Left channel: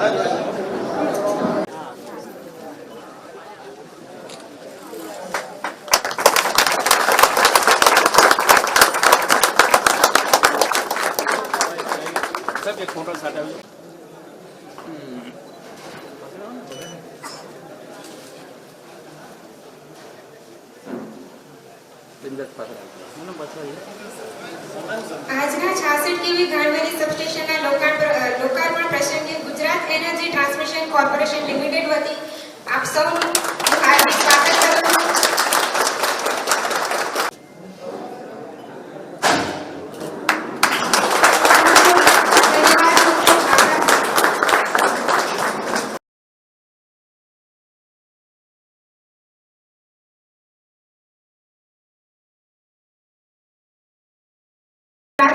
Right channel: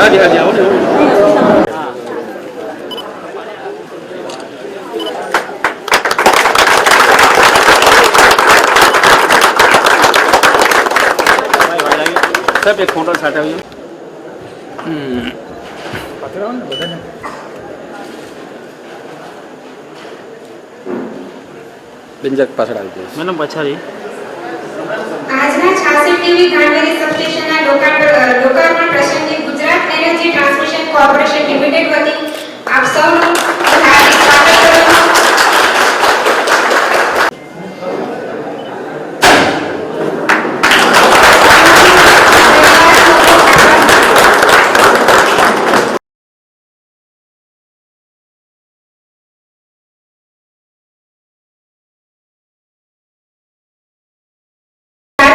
હાજી આવો ને. સાહેબ એક ફોટો સાથે આવજો. બિંજક પાછળ આવી જાય મેડમ પછાડી. આજના 86 ટીવી ગાંધરી સબસ્ટેશનના લોકાર્પણ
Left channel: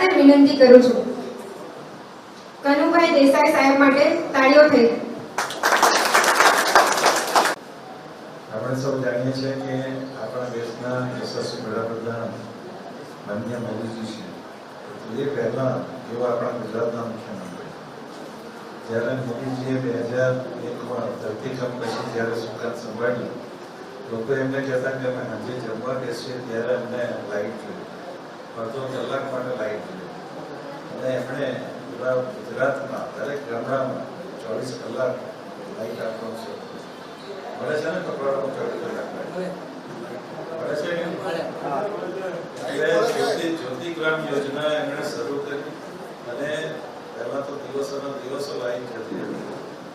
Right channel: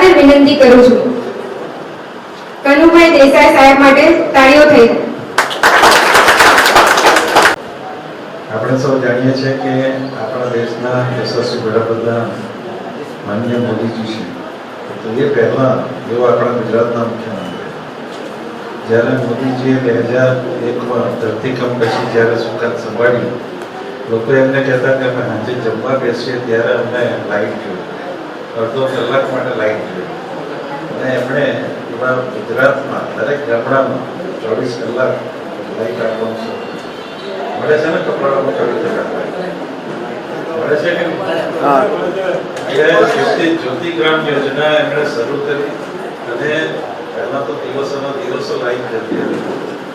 સાથે વિનંતી કરું છું. કનુભાઈ દેસાઈ સાહેબ માટે તાળીઓ થઈ. આપણે સૌ જાણીએ છીએ કે આપણા દેશના યશસ્વી વડાપ્રધાન માનનીય મોદીજી છે. તો એ પહેલાં એવો આપણા ગુજરાતના મુખ્યમંત્રી જ્યારે મોદીજીએ બે હજાર એકમાં ધરતીકંપ પછી જ્યારે સુખાત સંભાળ્યું લોકો એમને કહેતા કે અમે સાંજે જમવા બેસીએ ત્યારે અમને લાઈટ જોઈએ. અડધો કલાક માટે લાઈન જોઈએ અને એમણે એવા ગુજરાતમાં દરેક ગામડામાં ચોવીસ કલાક લાઈટ આપવાનું છે. મળે છે ને કપડામાં ચોવીસ કલાક મળે છે કે જ્યોતિ જ્યોતિગ્રામ યોજના એમણે શરૂ કરી અને પહેલાં તો દિવસોના દિવસો લાઈટ જતી હતી.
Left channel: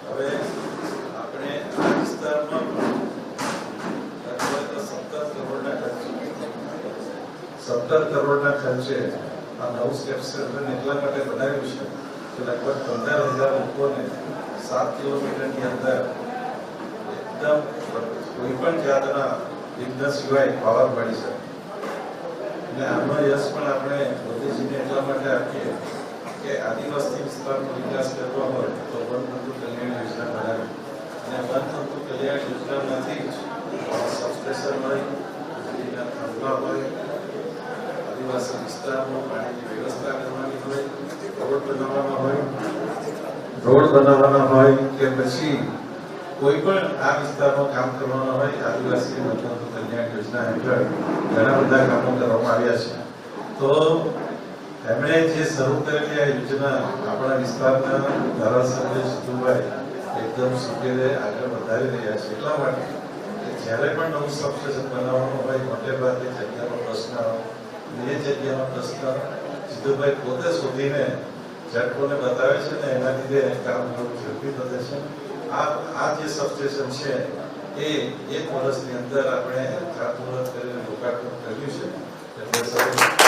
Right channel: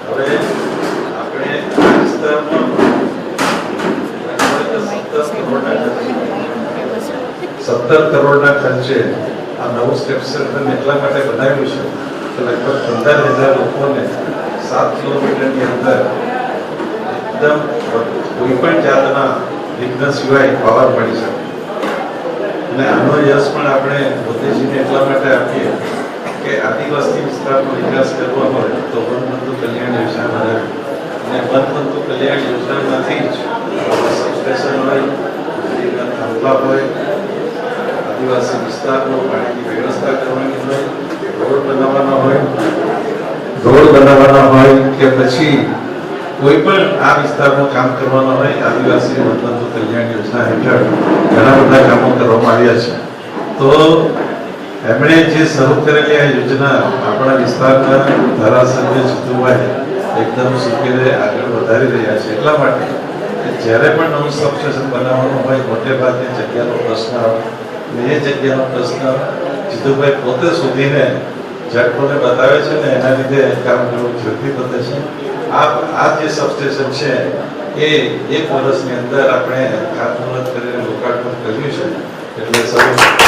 હવે આપણે આ વિસ્તારમાં લગભગ સત્તર કરોડના ખર્ચે સત્તર કરોડના ખર્ચે આ નવું સ્ટેપ સેન્ટર એટલા માટે બનાવ્યું છે કે લગભગ પંદર હજાર લોકોને સાત કિલોમીટરની અંદર એકદમ કોઈ પણ જાતના વિઘ્ન સિવાય પાવર મળી શકે. અને આનો યશ પણ આપણે મોદીજીને એટલા માટે આપીએ કે આદિવાસી વિસ્તારનો વિકાસ કરવો હોય તો વનબંધુ કલ્યાણ યોજના બનાવી અને વનબંધુ કલ્યાણ યોજનામાંથી જ સ્ટેશન હોય હોય આદિવાસી વિસ્તારમાં પાણીની વ્યવસ્થા કરવાની હોય, રોડ બનાવવાના હોય, રોડ બનાવવાના હોય કે પછી કોઈ પણ આ વિસ્તારમાં કામ કરવાના હોય, આદિવાસી મતલબ કલ્યાણ યોજના હેઠળ ઘણા બધા કામો કરવામાં આવ્યા છે. તો એમણે જે શરૂ કરેલી આ યોજના આપણા વિસ્તારના ધારાસભ્ય જીતુભાઈ એકદમ સુખેરે આગળ વધારી રહ્યા છે. એટલા માટે જ્યારે પણ નવું સબસ્ટેશન બનાવવાનું હોય મોટે ભાગે જગ્યાનો પ્રશ્ન આવે એ જગ્યાનો પ્રશ્ન, જીતુભાઈ પોતે શોધીને જટકોને બતાવે છે ને એના લીધે કામ કરવું ઝડપી પતે છે. આ આ જે સબસ્ટેશન છે, એ એક વર્ષની અંદર આપણે ખાતમુહૂર્ત કરીને લોકાર્પણ કર્યું છે. એટલે સૌ